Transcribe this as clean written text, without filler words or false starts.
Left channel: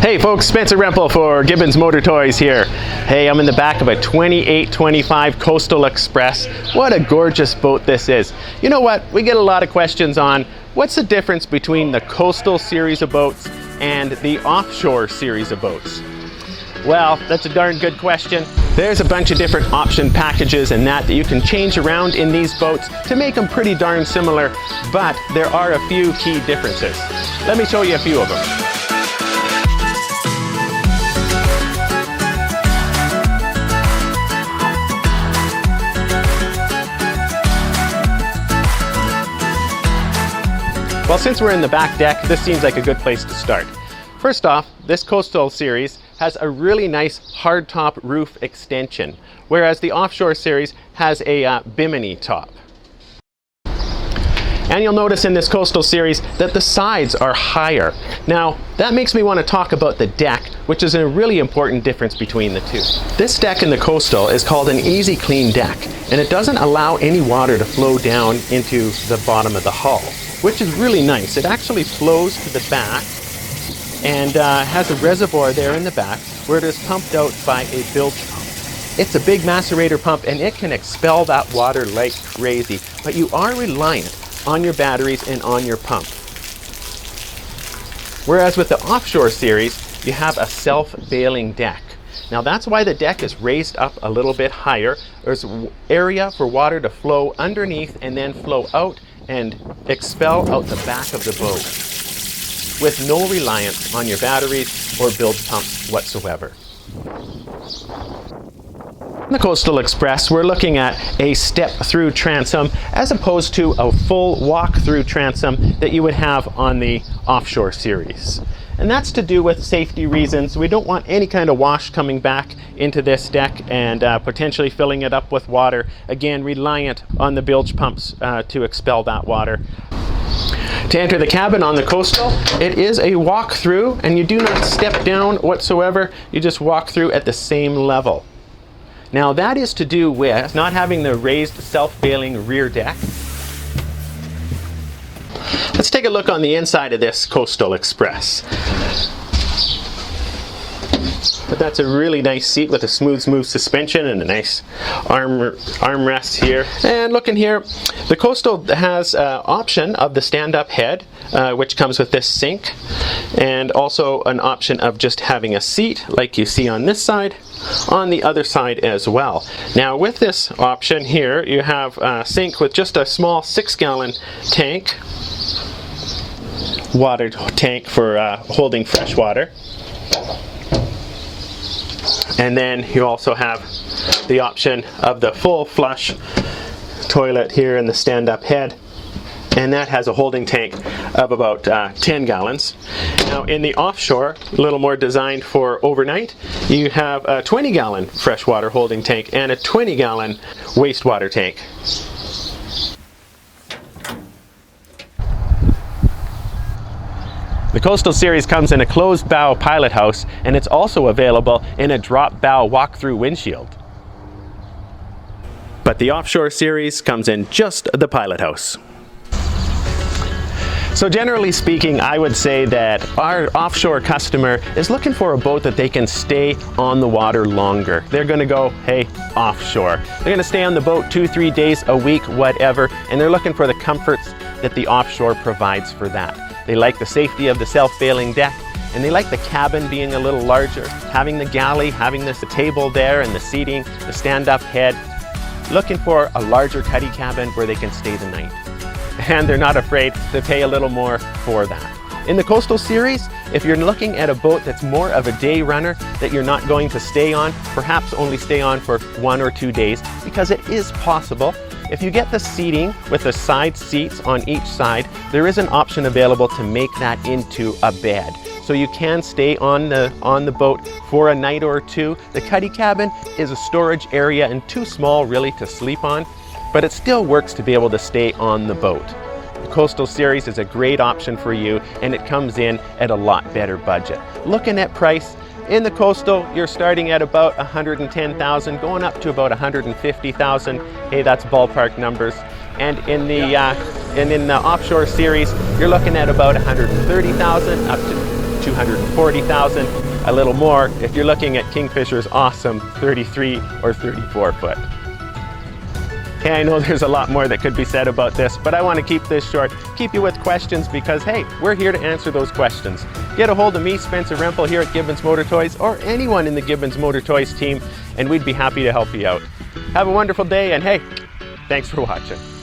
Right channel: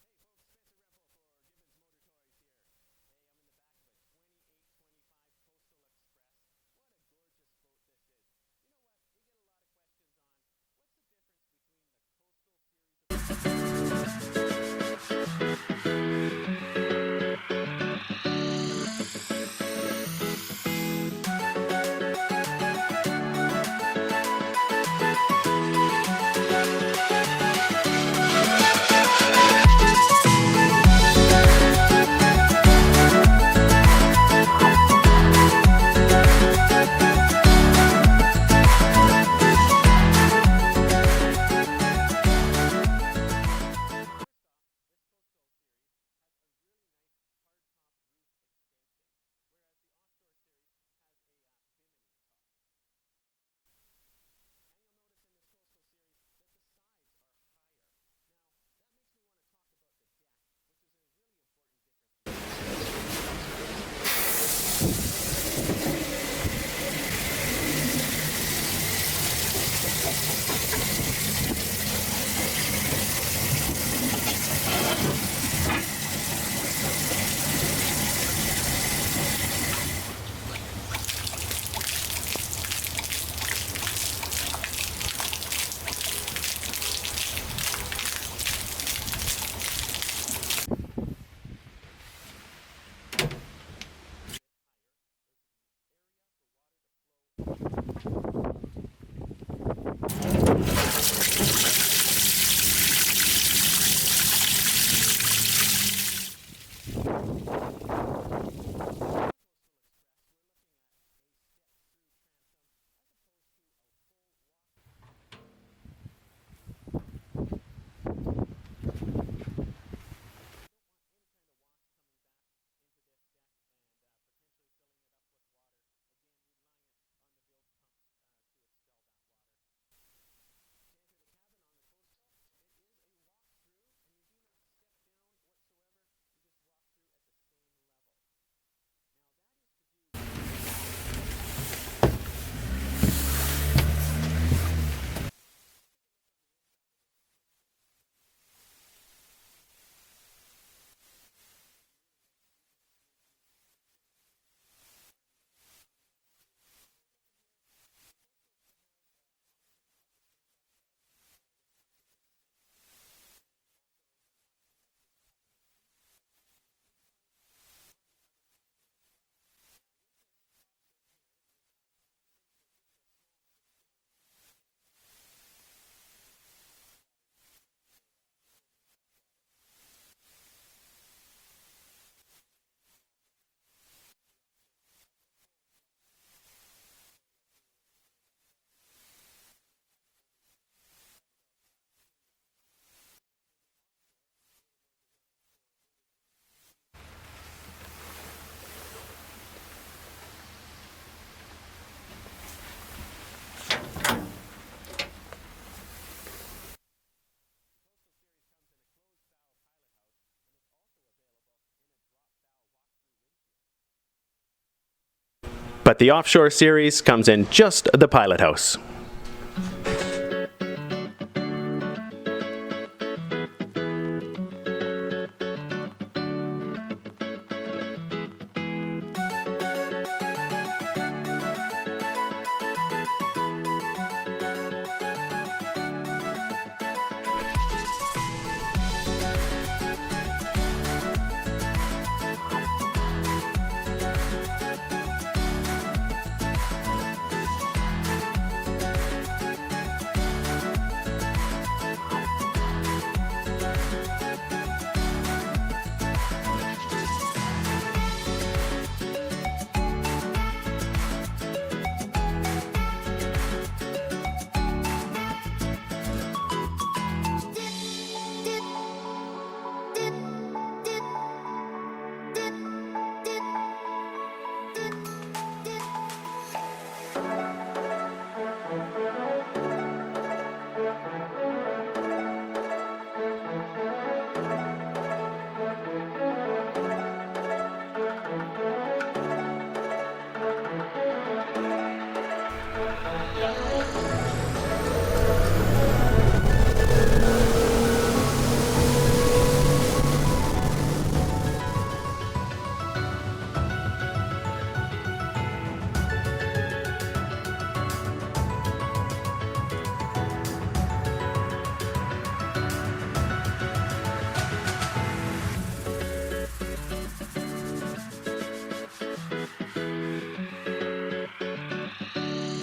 Hey folks, Spencer Remple for Gibbons Motor Toys here. Hey, I'm in the back of a 2825 Coastal Express. What a gorgeous boat this is. You know what? We get a lot of questions on what's the difference between the Coastal series of boats and the Offshore series of boats. Well, that's a darn good question. There's a bunch of different option packages and that you can change around in these boats to make them pretty darn similar, but there are a few key differences. Let me show you a few of them. Well, since we're in the back deck, this seems like a good place to start. First off, this Coastal series has a really nice hardtop roof extension, whereas the Offshore series has a bimini top. And you'll notice in this Coastal series that the sides are higher. Now, that makes me want to talk about the deck, which is a really important difference between the two. This deck in the Coastal is called an easy clean deck, and it doesn't allow any water to flow down into the bottom of the hull, which is really nice. It actually flows to the back and has a reservoir there in the back where it is pumped out by a bilge pump. It's a big macerator pump and it can expel that water like crazy, but you are reliant on your batteries and on your pump. Whereas with the Offshore series, you have a self-bailing deck. Now that's why the deck is raised up a little bit higher. There's area for water to flow underneath and then flow out and expel out the back of the boat with no reliance on your batteries or bilge pumps whatsoever. In the Coastal Express, we're looking at a step-through transom as opposed to a full walk-through transom that you would have on the Offshore series. And that's to do with safety reasons. We don't want any kind of wash coming back into this deck and potentially filling it up with water. Again, reliant on the bilge pumps to expel that water. To enter the cabin on the Coastal, it is a walk-through, and you do not step down whatsoever. You just walk through at the same level. Now that is to do with not having the raised self-bailing rear deck. Let's take a look on the inside of this Coastal Express. But that's a really nice seat with a smooth suspension and a nice armrest here. And looking here, the Coastal has option of the stand-up head, which comes with this sink, and also an option of just having a seat like you see on this side, on the other side as well. Now with this option here, you have a sink with just a small 6-gallon tank, water tank for holding fresh water. And then you also have the option of the full flush toilet here in the stand-up head, and that has a holding tank of about 10 gallons. Now in the Offshore, a little more designed for overnight, you have a 20-gallon freshwater holding tank and a 20-gallon wastewater tank. The Coastal series comes in a closed bow pilot house, and it's also available in a drop bow walk-through windshield. But the Offshore series comes in just the pilot house. So generally speaking, I would say that our Offshore customer is looking for a boat that they can stay on the water longer. They're going to go, hey, Offshore. They're going to stay on the boat 2-3 days a week, whatever, and they're looking for the comforts that the Offshore provides for that. They like the safety of the self-bailing deck, and they like the cabin being a little larger, having the galley, having the table there and the seating, the stand-up head. Looking for a larger cuddy cabin where they can stay the night. And they're not afraid to pay a little more for that. In the Coastal series, if you're looking at a boat that's more of a day runner that you're not going to stay on, perhaps only stay on for 1 or 2 days, because it is possible. If you get the seating with the side seats on each side, there is an option available to make that into a bed. So you can stay on the boat for a night or two. The cuddy cabin is a storage area and too small really to sleep on, but it still works to be able to stay on the boat. The Coastal series is a great option for you, and it comes in at a lot better budget. Looking at price, in the Coastal, you're starting at about $110,000, going up to about $150,000. Hey, that's ballpark numbers. And in the Offshore series, you're looking at about $130,000 up to 140,000, a little more if you're looking at Kingfisher's awesome 33 or 34 foot. Hey, I know there's a lot more that could be said about this, but I want to keep this short, keep you with questions because, hey, we're here to answer those questions. Get a hold of me, Spencer Remple, here at Gibbons Motor Toys, or anyone in the Gibbons Motor Toys team, and we'd be happy to help you out. Have a wonderful day, and hey, thanks for watching.